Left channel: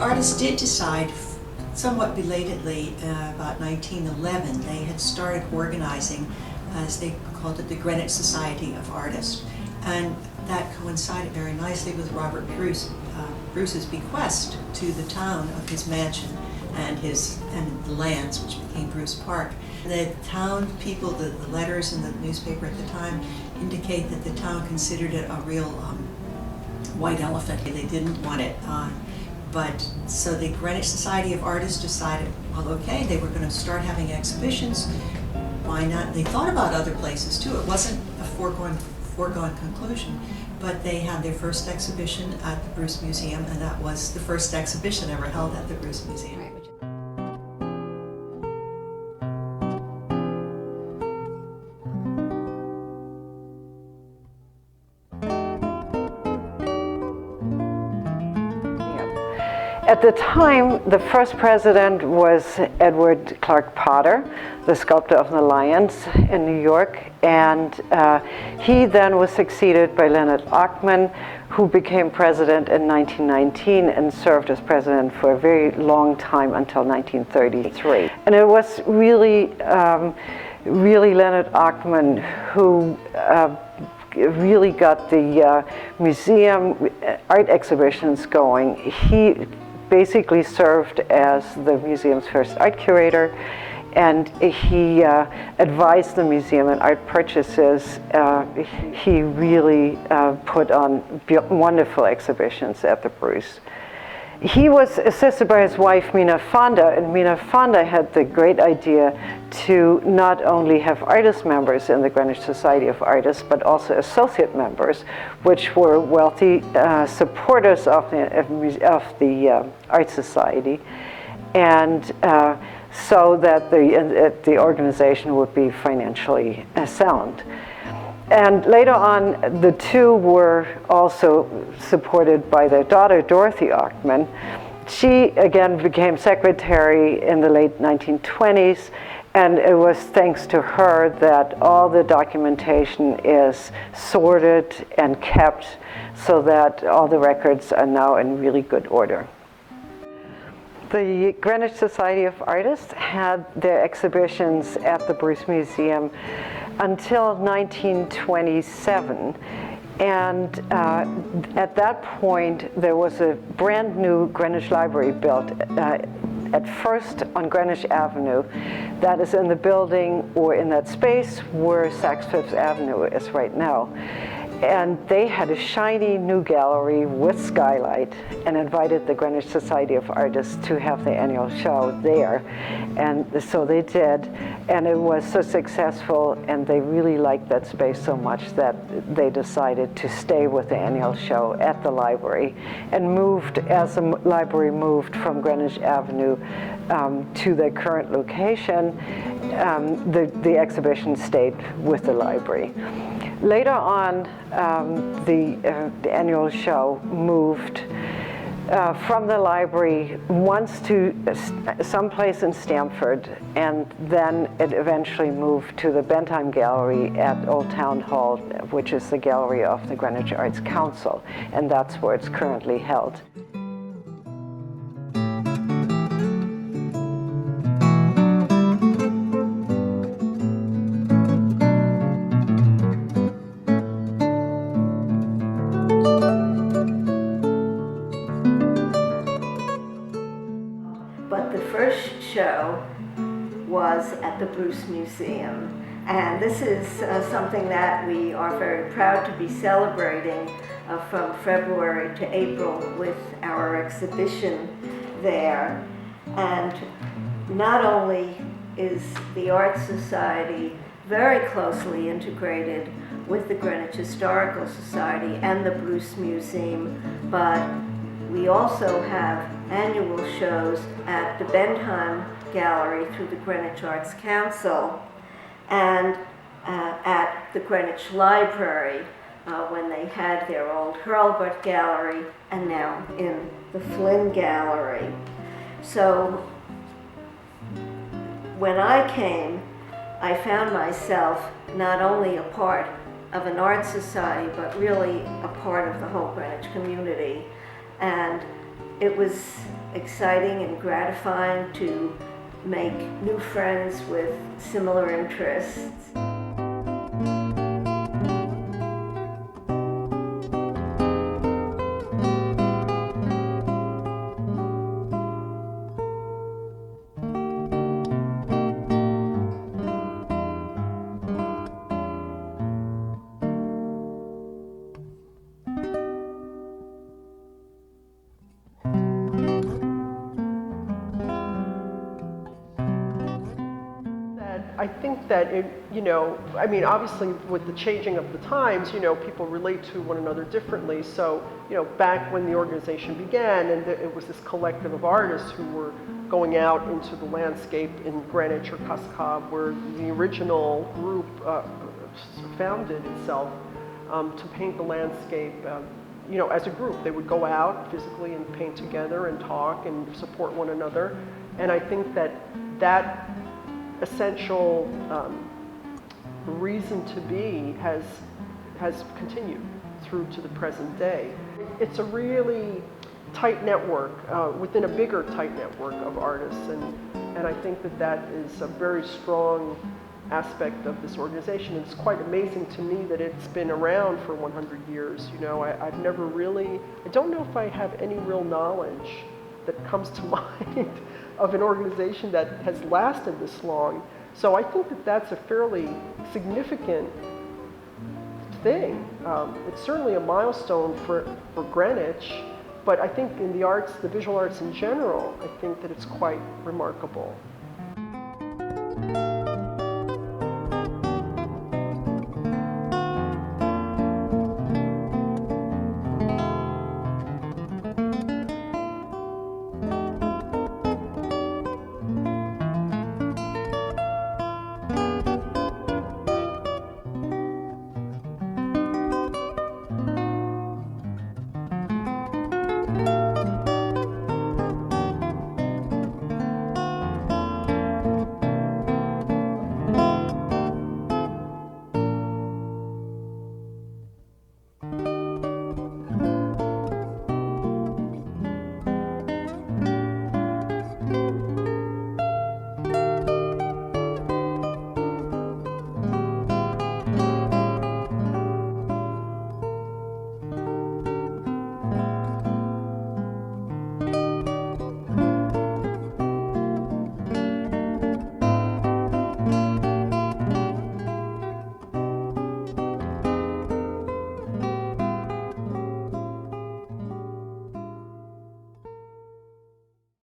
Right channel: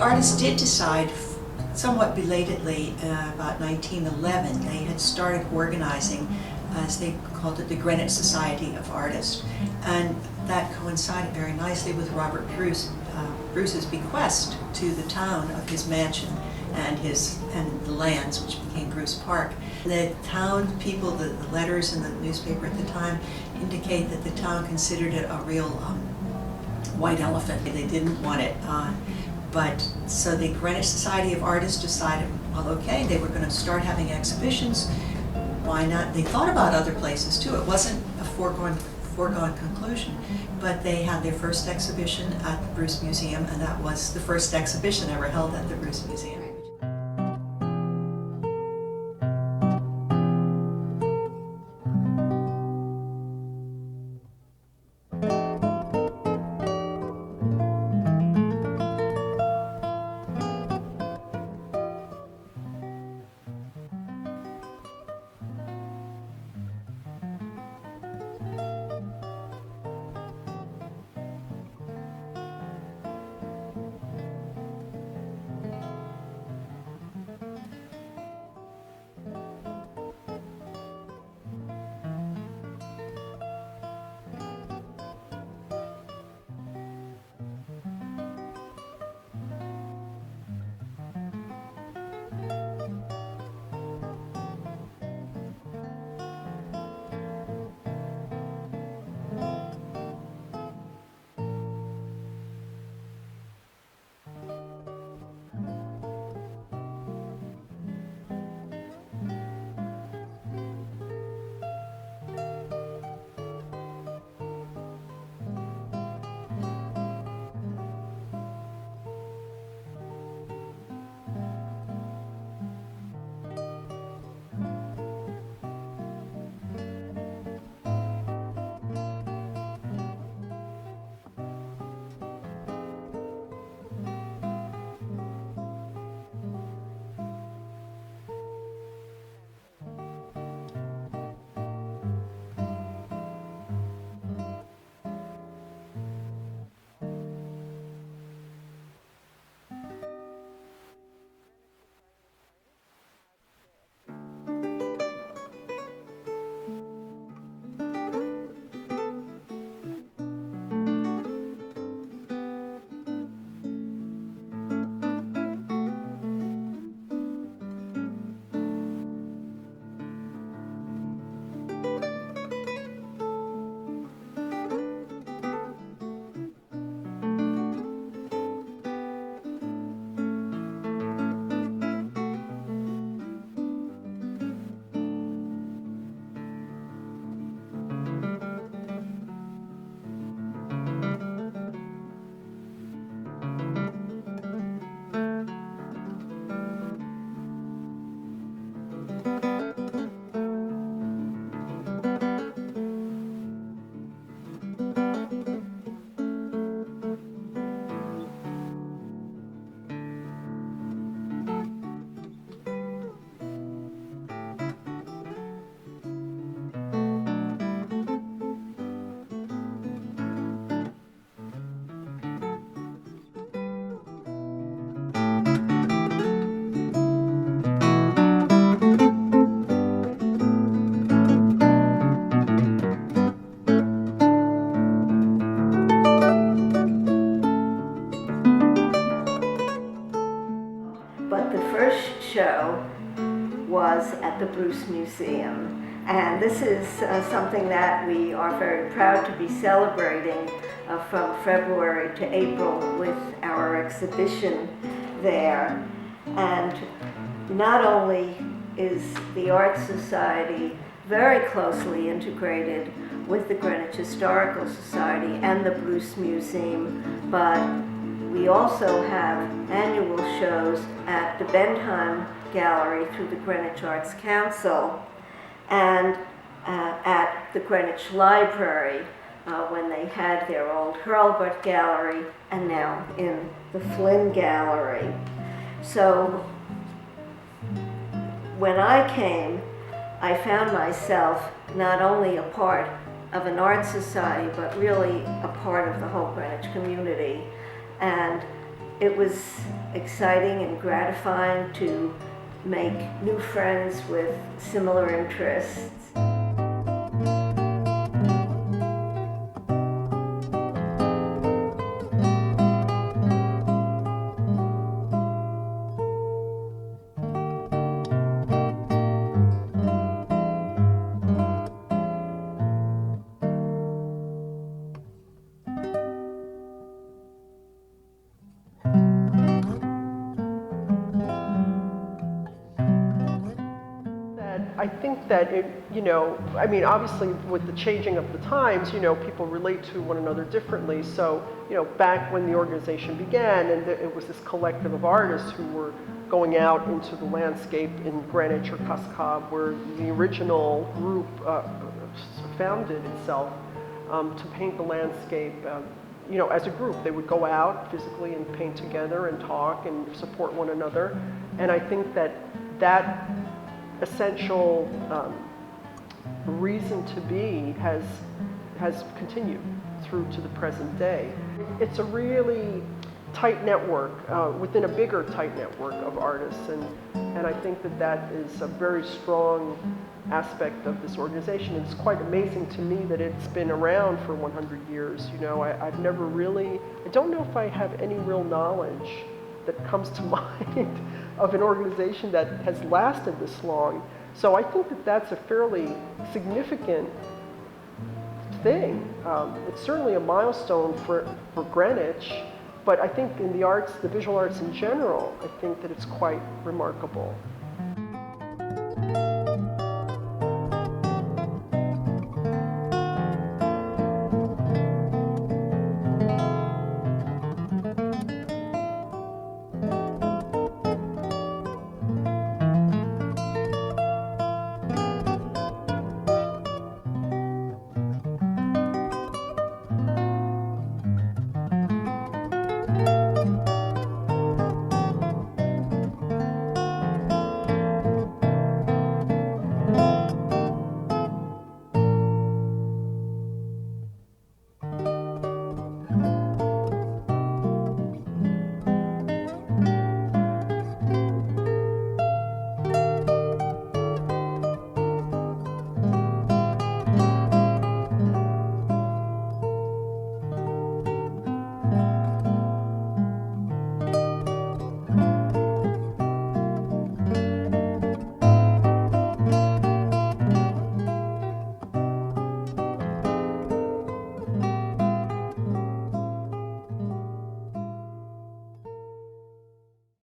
artists did decide, somewhat belatedly, about 1911, they had started organizing, as they called it, the Greenwich Society of Artists. And that coincided very nicely with Robert Bruce's bequest to the town of his mansion and the lands, which became Bruce Park. The town people, the letters in the newspaper at the time indicate that the town considered it a real white elephant. They didn't want it. So the Greenwich Society of Artists decided, well, okay, they were going to start having exhibitions. Why not? They thought about other places too. It wasn't a foregone conclusion, but they had their first exhibition at the Bruce Museum, and that was the first exhibition ever held at the Bruce Museum. At the time, the first president was Edward Clark Potter, the sculptor of the Lions in New York, and he then was succeeded by Leonard Ochtman, who became president in 1919 and served as president for a very long time until 1933. And it was really Leonard Ochtman who really got the museum art exhibitions going. He basically served as the museum's first art curator, and he advised the museum in art purchases. He really put on wonderful exhibitions at the Bruce. He was assisted by his wife, Mina Fonda, and Mina Fonda had the great idea to not only have artist members in the Greenwich Society of Artists, but also associate members, which were wealthy supporters of the Art Society, and so that the organization would be financially sound. And later on, the two were also supported by their daughter, Dorothy Ochtman. She, again, became secretary in the late 1920s, and it was thanks to her that all the documentation is sorted and kept so that all the records are now in really good order. The Greenwich Society of Artists had their exhibitions at the Bruce Museum until 1927. And at that point, there was a brand new Greenwich Library built at first on Greenwich Avenue. That is in the building or in that space where Saks Fifth Avenue is right now. And they had a shiny new gallery with skylight and invited the Greenwich Society of Artists to have their annual show there. And so they did. And it was so successful, and they really liked that space so much that they decided to stay with the annual show at the library, and moved, as the library moved from Greenwich Avenue to their current location, the exhibition stayed with the library. Later on, the annual show moved from the library once to someplace in Stamford, and then it eventually moved to the Bentheim Gallery at Old Town Hall, which is the gallery of the Greenwich Arts Council, and that's where it's currently held. But the first show was at the Bruce Museum, and this is something that we are very proud to be celebrating from February to April with our exhibition there. And not only is the Art Society very closely integrated with the Greenwich Historical Society and the Bruce Museum, but we also have annual shows at the Bentheim Gallery through the Greenwich Arts Council, and at the Greenwich Library when they had their old Hurlbut Gallery, and now in the Flynn Gallery. So when I came, I found myself not only a part of an art society, but really a part of the whole Greenwich community. And It was exciting and gratifying to make new friends with similar interests. I think that I mean, obviously with the changing of the times, people relate to one another differently. So, back when the organization began, and it was this collective of artists who were going out into the landscape in Greenwich or Cascade, where the original group founded itself to paint the landscape. As a group, they would go out physically and paint together and talk and support one another. And I think that essential reason to be has continued through to the present day. It's a really tight network within a bigger tight network of artists, and I think that is a very strong aspect of this organization. It's quite amazing to me that it's been around for 100 years. I've never really, I don't know if I have any real knowledge that comes to mind of an organization that has lasted this long. So I think that's a fairly significant thing. It's certainly a milestone for Greenwich, but I think in the arts, the visual arts in general, I think that it's quite remarkable.